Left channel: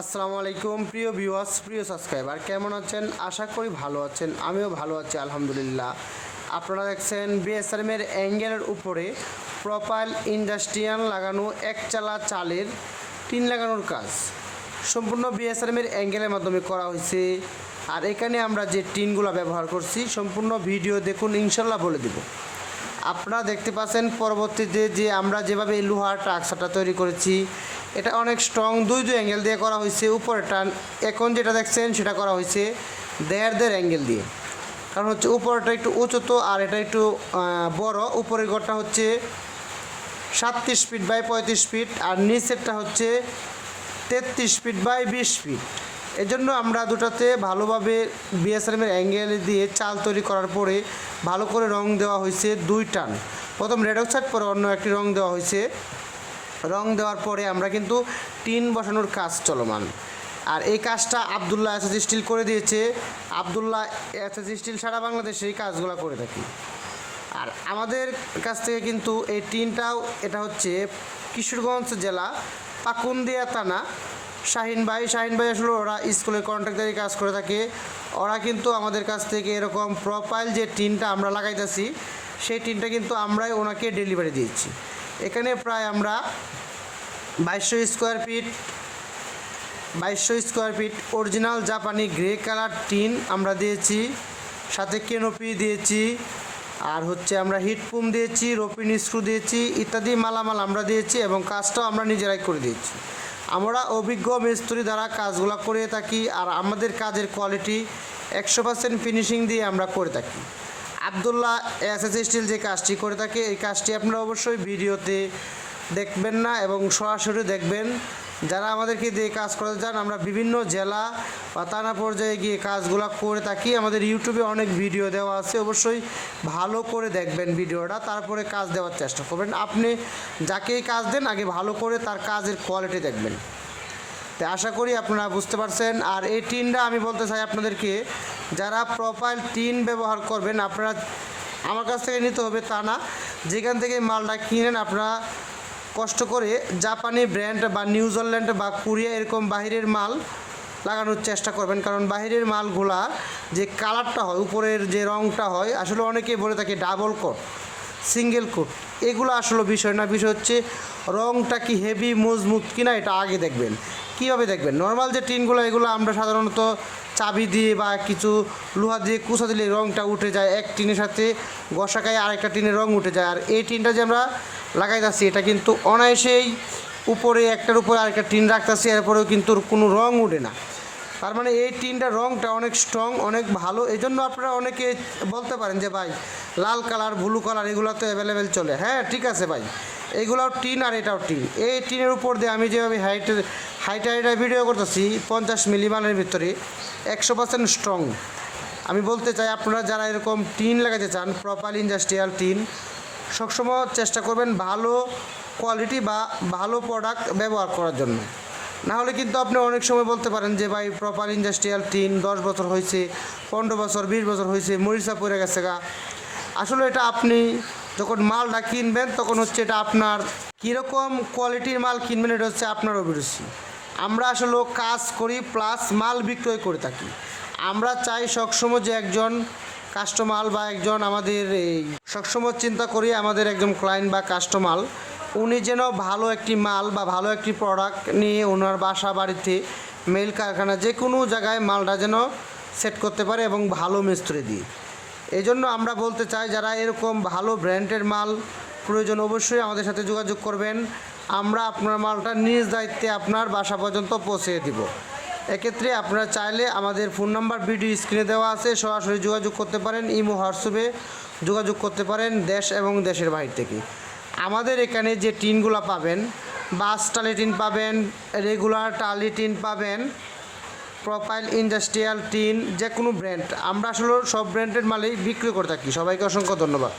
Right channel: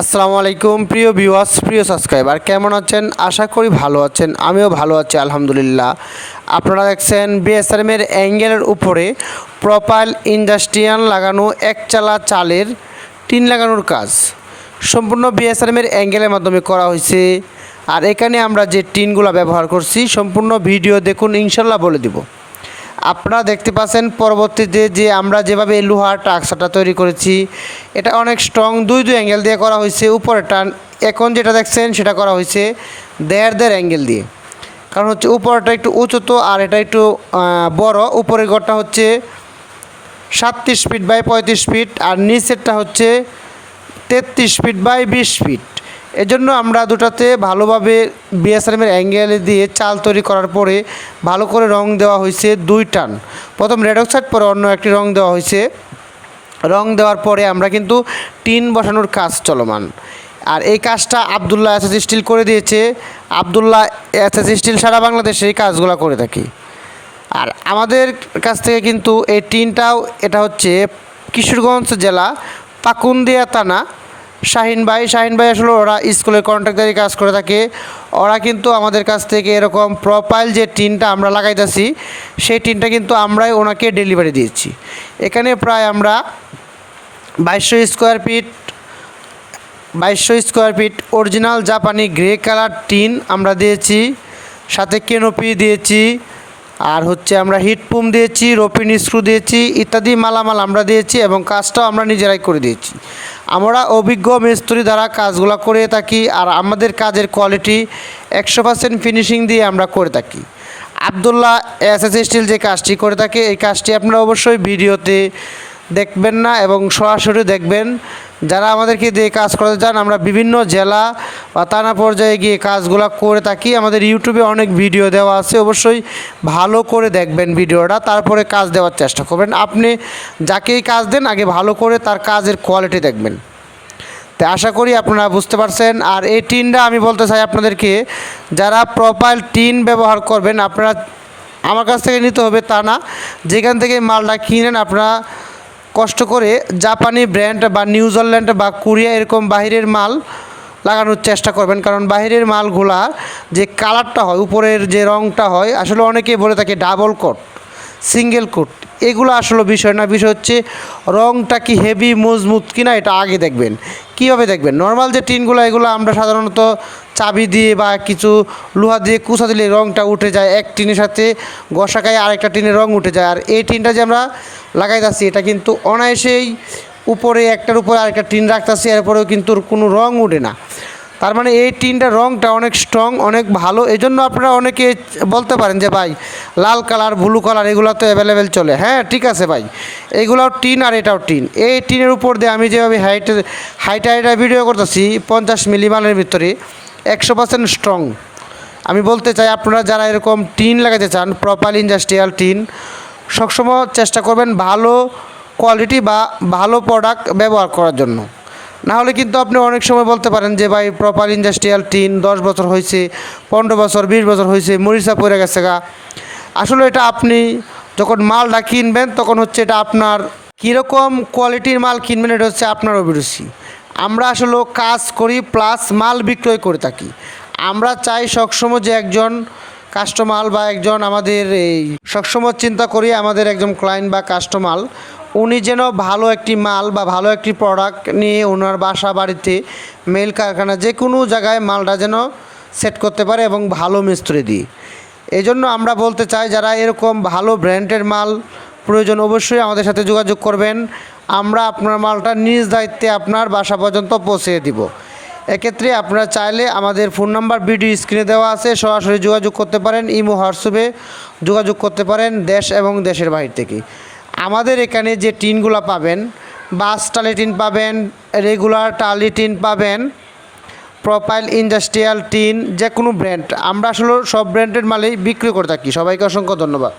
আসসালামু আলাইকুম প্রিয় ভিউয়ার্স, প্রিয় সাবস্ক্রাইবার, কেমন আছেন? আশা করি ভালো আছেন। আমিও ভালো আছি আলহামদুলিল্লাহ। আপনারা দেখছেন বিএসআরএমের অ্যাঙ্গেলের উপরে প্রোপাইল ইন্ডাস্ট্রিয়াল লাগানো একচালা চালের টিন লাগানোর কাজ সম্পূর্ণ বিএসআরএমের অ্যাঙ্গেলের মাধ্যমে করা হয়েছে। আর এখানে আমরা যে টিনগুলো ব্যবহার করছি সম্পূর্ণ ভিডিও দেখুন, ইনশাল্লাহ বলে দিব। আপনারা দেখতে পাচ্ছেন পরবর্তীতে যে আমরা যেভাবে লোহার টাকসাটা তৈরি করেছি, এটা অনেক স্ট্রং, দুই অ্যাঙ্গেল দিয়ে করা হয়েছে। উপরে টান এখন যেটা দেখছেন সেটা করা হয়েছে দেড় অ্যাঙ্গেল দিয়ে, কারণ হচ্ছে উপরটা একটু উঁচু তো, আর এটা একটু বড়। উপরের ঘরটা হচ্ছে 37 ফিট বাই 35 ফিট, আর নিচেরটা হচ্ছে 33 ফিট বাই 20 ফিট। এজন্য আমরা দুটাতে ভালোভাবে বিএসআরএমের অ্যাঙ্গেলে দিয়ে চাল তৈরি করার পরে ভালো করে রং দেওয়া হয়েছে দুই টান। প্রথম রেড অক্সাইড, পরে অন্য একটি রং দেওয়া হয়েছে। রং দেওয়ার পরে আমরা কিন্তু টিন বসানোর কাজ চলমান। আর এই কাজটা আবদুল্লাহ এসএস স্টিল করে দিয়েছে। আবদুল্লাহ এসএস স্টিল সারা বাংলাদেশে এই কাজগুলো করে থাকি। আর আমাদের কাছ থেকে কিন্তু এই টিনটাও, এটা হচ্ছে কিশোরগঞ্জ জেলা পাকুন্দিয়া থানা শাহিন ভাই আসলে ওরা স্কুলের কন্ট্রাক্টারি কাজ করে থাকে। ওরা কিন্তু আমাদের কাছ থেকে এরকম প্রোপাইল যে টিনটা আমরা লাগাইতেছি, সেই টিনটা কিন্তু আমরাই ওনাকে ডেলিভারি দিয়েছি। এখানে প্রায় আমরা 2200 স্কোয়ার ফিট অরিজিনাল জাপানি গ্রে কালার টিন আমরা দিয়েছি, সাথে কেনোপি দিয়েছি, আর হচ্ছে আমরা হিটপুম দিয়েছি, রোপিন স্ক্রু দিয়েছি, ইত্যাদি মালামাল আমরা দিয়েছি, এবং কাজটাও আমরা নিজেরাই করে দিয়েছি। আমরা অভিজ্ঞ মিস্ত্রি দ্বারা কাজগুলো করে থাকি। আর আমাদের কাজের কোয়ালিটি 100% ফিনিশিং দিয়ে আমরা করে থাকি। আবদুল্লাহ এসএস স্টিল যে কাজটি করে থাকে, এই কাজটি আপনারা অবশ্যই ভিডিওতে দেখবেন না এবং সরাসরি দেখবেন। যারা আমাদেরকে দিয়ে কাজ করতে চান, আমরা বিভিন্ন জেলা বা থানা পর্যায়ে গিয়ে কাজগুলো করে থাকি। আমাদের ইউটিউবে অনেক ভিডিও দেওয়া আছে, অবশ্যই ভালো করে দেখবেন ভিডিওটা, তারপরে কাজ দেওয়ার চেষ্টা করবেন। আপনি যাকেই কাজ দেন আগে ভালো করে তার কাজের কোয়ালিটি দেখবেন। তো আশা করি আপনারা বুঝতে পারছেন। আর এই টিনটা আমি বলতে চাই আপনাদেরকে, যারা প্রোপাইল টিন ব্যবহার করবেন, আপনারা আমার কাছ থেকে নিতে হবে তা না। যেখান থেকে মালটা কিনেন, আপনারা কষ্ট করে জাপানি ব্র্যান্ড বা নিউজিল্যান্ড বা কোরিয়া এরকম বাহিরের মাল লাগানোর চেষ্টা করবেন। কারণ বাহিরের মালগুলা যে কালারটা হয়, উপরের যে রঙটা হয়, আসলে অনেকেই বলে থাকে ডাবল কোট, সিঙ্গেল কোট। এগুলো আসলে বিষয় না। বিষয় হচ্ছে রঙটা কি হেভি মজবুত কিনা, এটা আগে দেখবেন। কীভাবে দেখবেন? নর্মাল যে টিনগুলো, এগুলো আমরা সাধারণত চাবি দিয়ে বা কিছু লোহা দিয়ে কুচা দিলে রঙটা উঠে যায়, এক টিনের সাথে ঘষা খায় আরেকটা টিনের রঙ উঠে যায়। আর এই টিনটা যে আমরা লাগাইতেছি, এটা কিন্তু অনায়াসেই উপরে একটার উপরে আরেকটা টিন রাখতেছি, এরপরেও কিন্তু কোনো রঙ উঠে না। তার মানে এই টিনটার রঙটা অনেক স্ট্রং, অনেক ভালো। এই জন্য আপনারা অনেকে বলতে পারেন যে ভাই লাল কালার, ব্লু কালার এগুলো তো অ্যাভেলেবেল চলে। হ্যাঁ, ঠিক আছে ভাই, এগুলোও টিন আর এটাও টিন। এই টিনের উপর দিয়ে আমি যেভাবে হাইটা ভিডিও করতেছি 50 মিলি মালের ভিতরে 100% স্ট্রং। আমি বলতে চাই, আপনারা যারা এরকম টিন লাগাতে চান, প্রোপাইল ইন্ডাস্ট্রিয়াল টিন, সবসময় চেষ্টা করবেন ভালো কোয়ালিটি বা ভালো প্রোডাক্ট ব্যবহার করার জন্য। না হলে কিন্তু আপনি অনেক সময় বলতে পারেন যে ভাই প্রোপাইল ইন্ডাস্ট্রিয়াল টিন 10 বছর হয়েছে, 15 বছর, 20 বছর হয়েছে, মরিচা পড়ে গেছে গা। আসলে এটা আপনি যখন মালটা কিনবেন, তখন হচ্ছে এটা আপনার কীরকম কোয়ালিটির মাল কিনবেন, এটা হচ্ছে আপনার অভিরুচি। আমরা আসলে কাজ করি প্লাস মাল বিক্রয় করে থাকি। আমরা চাই সবসময় যে একজন কাস্টমার বা একজন আমাদের এই সবসময় চিন্তা করি আমাদের একজন ক্লায়েন্ট বা কাস্টমার, উনি যেন ভালো একটি মাল বা ভালো একটি প্রোডাক্ট নিয়ে ওনার বাসা, বাড়িতে, মেল কারখানা, যে কোনো জায়গায় মালটা যেন সেট করতে পারে এবং ভালো মিস্ত্রি দিয়ে। এই জন্য আমরা বলতে চাই, যারা এরকম ভালো ব্র্যান্ডের মাল প্রয়োজন, অবশ্যই আমাদের সাথে যোগাযোগ করবেন। আমরা আপনার মালটা নিজ দায়িত্বে আপনার বাসা পর্যন্ত পৌঁছে দিব। এক্ষেত্রে আপনারা চাইলে আমাদের ফোন নাম্বার ভিডিও স্ক্রিনে দেওয়া আছে, সরাসরি যোগাযোগ করতে পারেন। ইমো, হোয়াটসঅ্যাপে যোগাযোগ করতে পারেন দেশ এবং দেশের বাইরে থেকে। আমাদের এখানে যে টিনগুলো পাবেন, বাস টালি টিন পাবেন, রেগুলার টালি টিন পাবেন, প্রোপাইল ইন্ডাস্ট্রিয়াল টিন, যে কোনো ব্র্যান্ড, আমরা আসলে সব ব্র্যান্ডের মালেই বিক্রি করে থাকি। সবাইকে অসংখ্য ধন্যবাদ।